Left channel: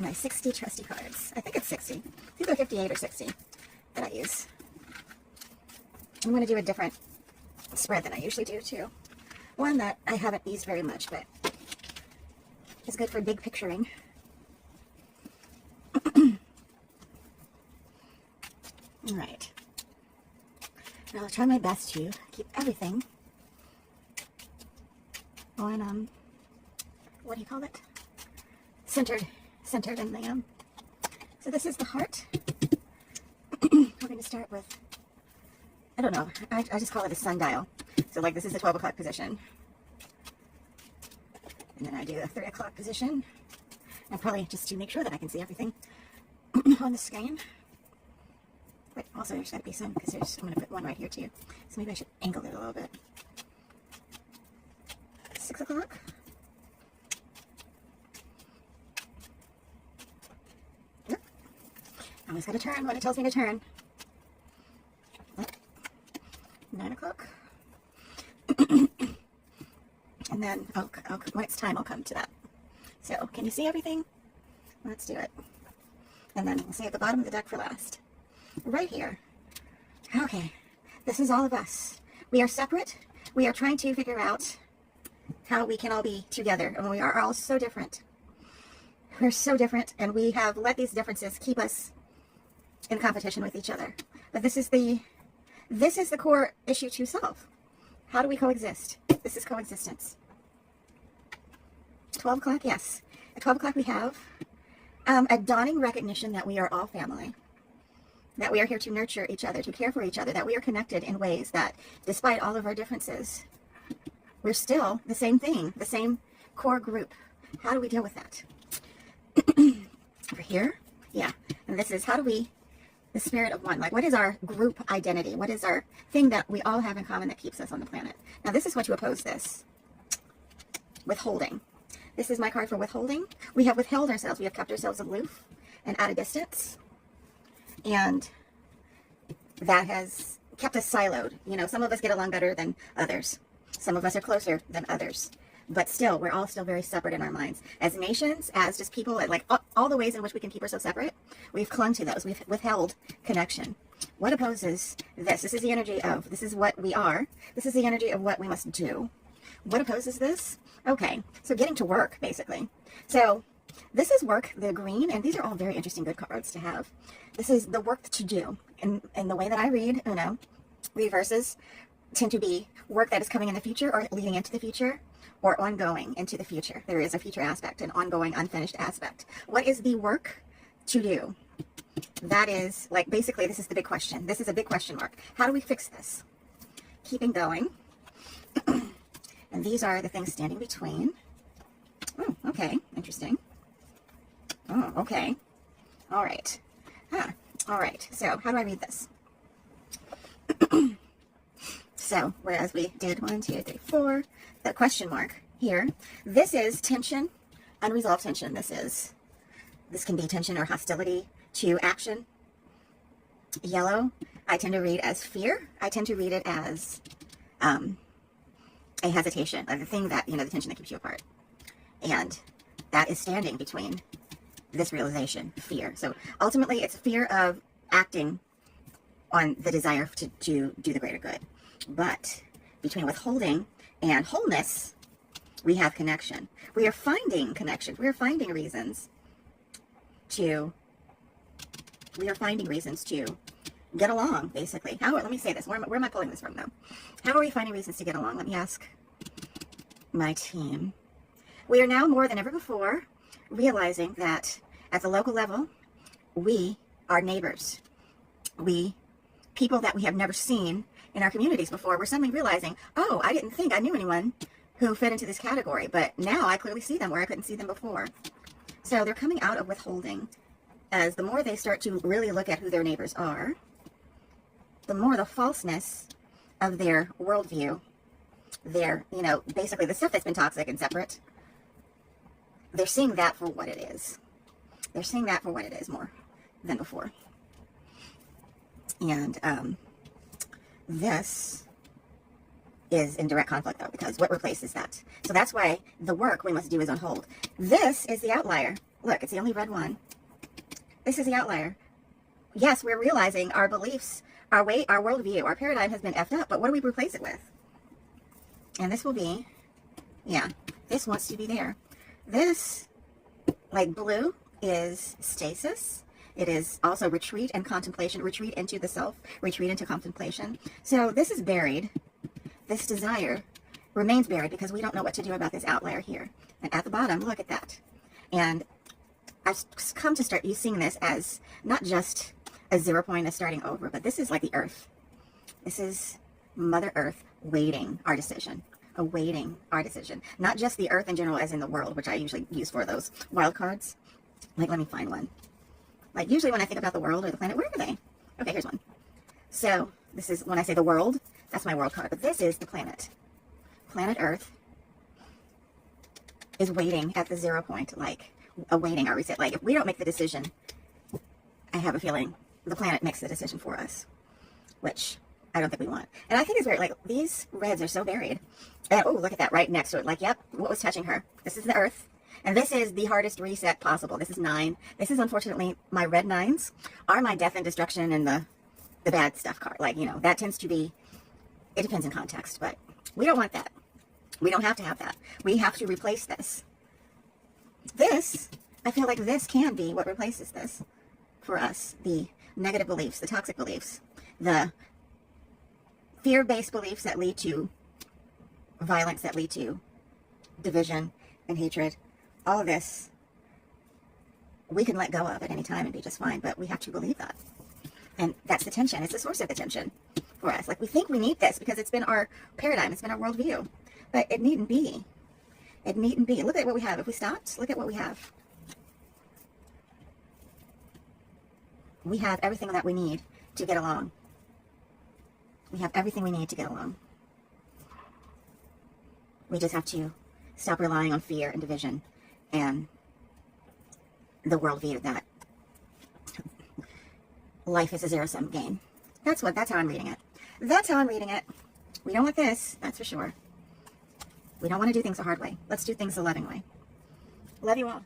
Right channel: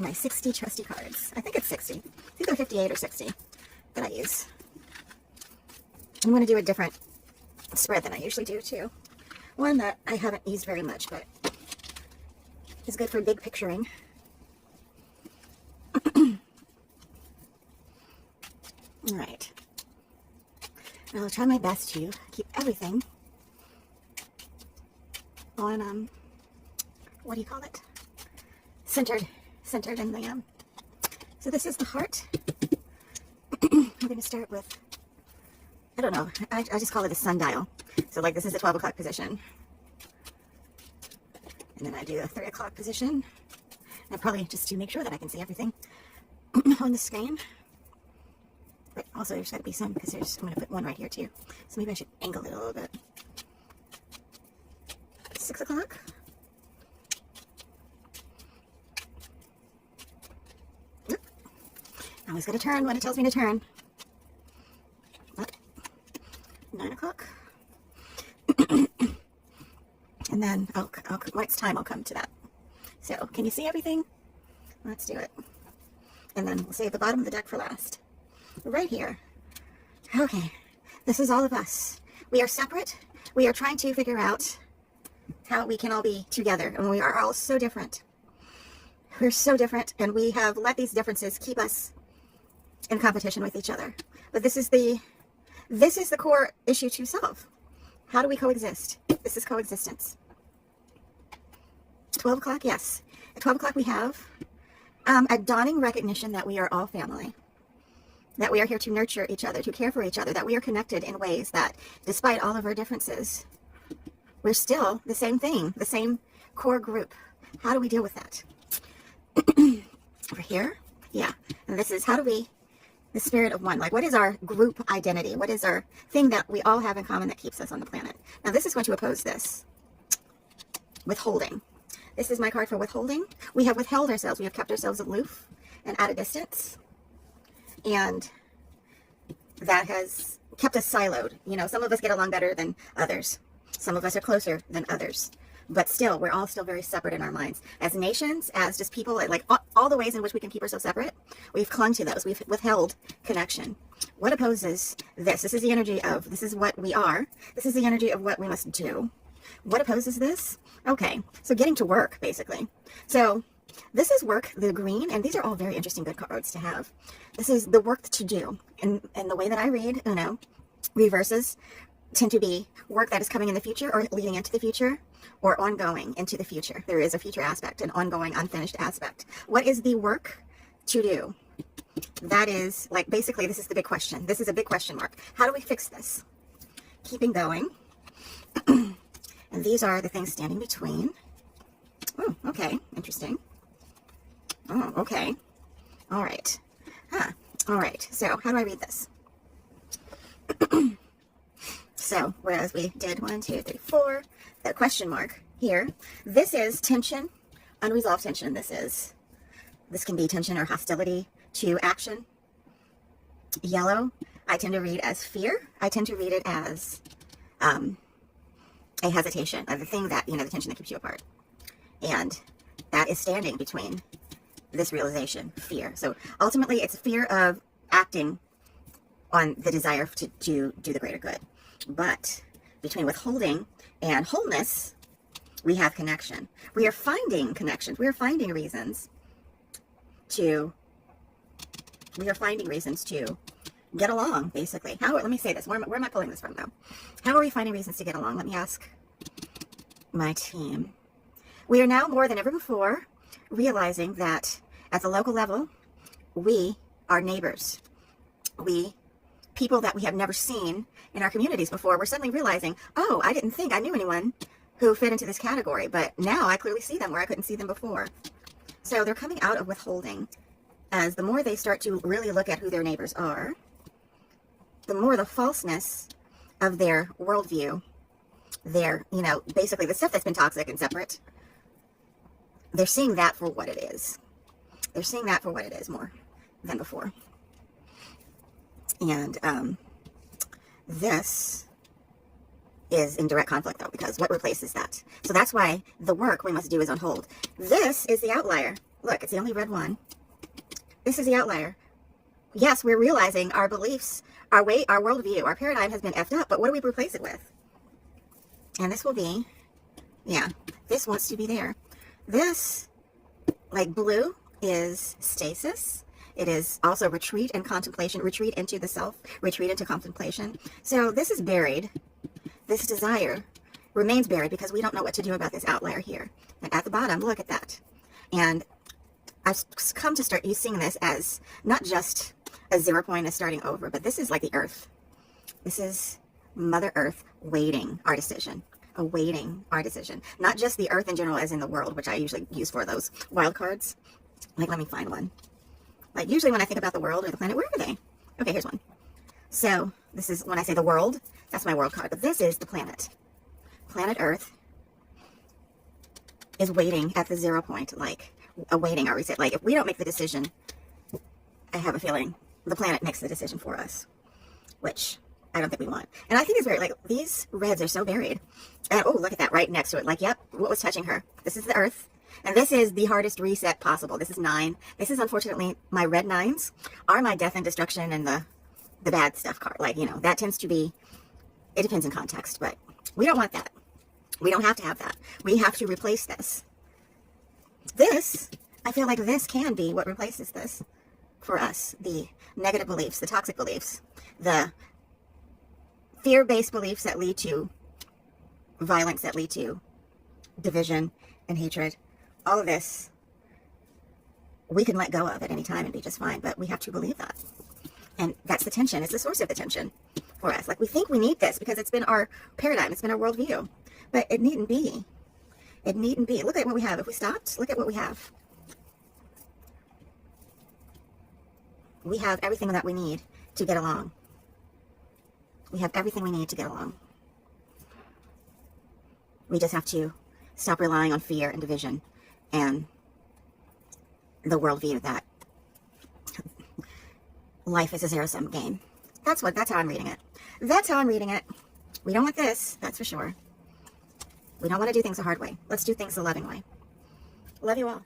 my 60 trusty cards. I think it's 60. I think they're 58 or 60 that I use. I'm going to do a different spread than I usually do too. One that I haven't used very much, but is good for big picturing. Alright. I'll try my best to keep everything on, what do you call it? Centered in the, so this is the heart. I'm going to start with, I don't know, I just call it a sundial. So like this is the 12 o'clock position. And then I do a 3 o'clock position. And probably just to make sure that I can see everything on the screen. But also there's got to be some, because I'm going to put one right here too. So maybe I should angle it a little bit. 6 o'clock. Yep. I always got to turn when it tells me to turn. 9 o'clock. And then when it's time, I'll come to that. So, can you see everything? Let's do it. And then we'll save the bottom of the deck for last. Right here. Okay. This is all of us. We are separate. We are trying to figure out how we can all be together. And we are all so different. We're so different. And we have let these differences keep us in competition with each other. But this is the core issue to solve. How do we coexist? This is coexistence. 12 o'clock, yes. At 12 o'clock we have a dawning recognition that we are all family. That we are here to nurture each other, to care for each other, that we are connected in ways that, despite all of our differences, we're still the same thing, the same core group. How do we deal with that? Over here? Yeah. And this is, how do we, the spirit of one, like what is our group identity? What is our thing that we all have in common that keeps us on the planet? Now this is going to oppose this. Withholding. This is my card for withholding. We have withheld ourselves. We have kept ourselves aloof and at a distance. And that has kept us siloed. You know, some of us get along better than others. Some of us are closer than others. But still, we're all still very separate in our minds. As nations, as just people, like all the ways in which we can keep ourselves separate, we've clung to those. We've withheld connection. What opposes this? This is the energy of, this is what we are. This is the energy of what we must do. What opposes this? Okay, so getting to work, basically. So this is work, the green, and these are all very interesting good cards to have. This is the work to do. In the way that I read, Uno, reverses tend to be work that is coming in the future or leading into the future or ongoing into the future. There is a future aspect, an ongoing, unfinished aspect. What is the work to do? That is, like, basically, this is the big question. This is a big question mark. How do we fix this? Keeping going. And these are the things standing between. Oh, okay. Interesting. Oh, okay. All right. Huh. All right. So, how do I read this? So, whereas we did 1, 2, 3, 4, the question mark here, this is tension, unresolved tension. This can be tension or hostility to action. Yellow, I tend to read as fear. I tend to read it as a hesitation of the thing that, the tension that keeps you apart. And that is standing between this realization, fear. So ultimately, it's fear of acting on the desire to do the greater good. But between withholding and wholeness, we have connection. We are finding connections. We are finding reasons to get along, basically. Let me say this. Where am I pulling this from, though? How are we finding reasons to get along? Let me ask my team. We are now more than ever before realizing that at the local level, we are neighbors. People that we have never seen in our communities before, we're suddenly realizing, oh, I didn't think I knew anyone who fit into this category, but now I clearly see them where I couldn't see them before. So they're coming out of withholding. As the more they start to really look at who their neighbors are, the more the falseness of their worldview, basically the stuff that's been toxic and separate, they're seeing that for what it is. They're seeing that for what it is more than before. And this is in direct conflict, though, because what replaces that? So that's why the work we must do is on hold. This is the outlier. Look, it's the only red one. This is the outlier. Yes, we're realizing our beliefs, our worldview, our paradigm has been effed up, but what do we replace it with? And this will be, yeah, this wants to be there. This, like blue, is stasis. It is also retreat and contemplation, retreat into the self, retreat into contemplation. So this is buried. This desire remains buried because we don't know what to do about this outlier here. And at the bottom, look at that. And I've come to start using this as not just a 0 point, a starting over, but this is like the earth. This is Mother Earth waiting our decision, awaiting our decision. Not just the earth in general as in the world, which I usually use for those wild cards. Like, let me find one. Like, usually when I think about the world or the planet, where are they? Okay, here's one. So, this is, when I say the world, that's my world card. But this is the planet. Planet Earth is waiting at the 0 point, like, awaiting our reset. Like, if we don't make the decision, I have a feeling the planet makes the decision for us, which I don't think we want. And I think it's very, like, these reds are so buried. And, oh, look at that right next to it. Like, yep, what was touching her? This is the earth. And this is the hardest reset possible. This is 9. This is, unfortunately, my red 9s are my death and destruction and the bad stuff card. Like, you know, that tends to be, it depends in context, but we don't want that. We don't have to have that. We have to replace this. This, I feel like this can be what replaces this for us. The negative beliefs, the toxic beliefs, the fear-based beliefs that lead to violence, that lead to division and hatred. All of this, we can let go of at any time and be just fine, but we have to believe that. And that's the tension. It's the source of the tension for us. Like, we think we need this because it's been our paradigm. It's been our worldview. But it needn't be. It needn't be. Look at what we have. If we stopped, look at what we have. We have everything that we need to get along. We have everything we need to get along. We just have to stop relying on fear and division and the worldview that life is a zero-sum game. That's how I'm reading it. That's how I'm reading it. We don't want this, that's for sure. We don't want to do things the hard way. Let's do things the loving way. Love you all.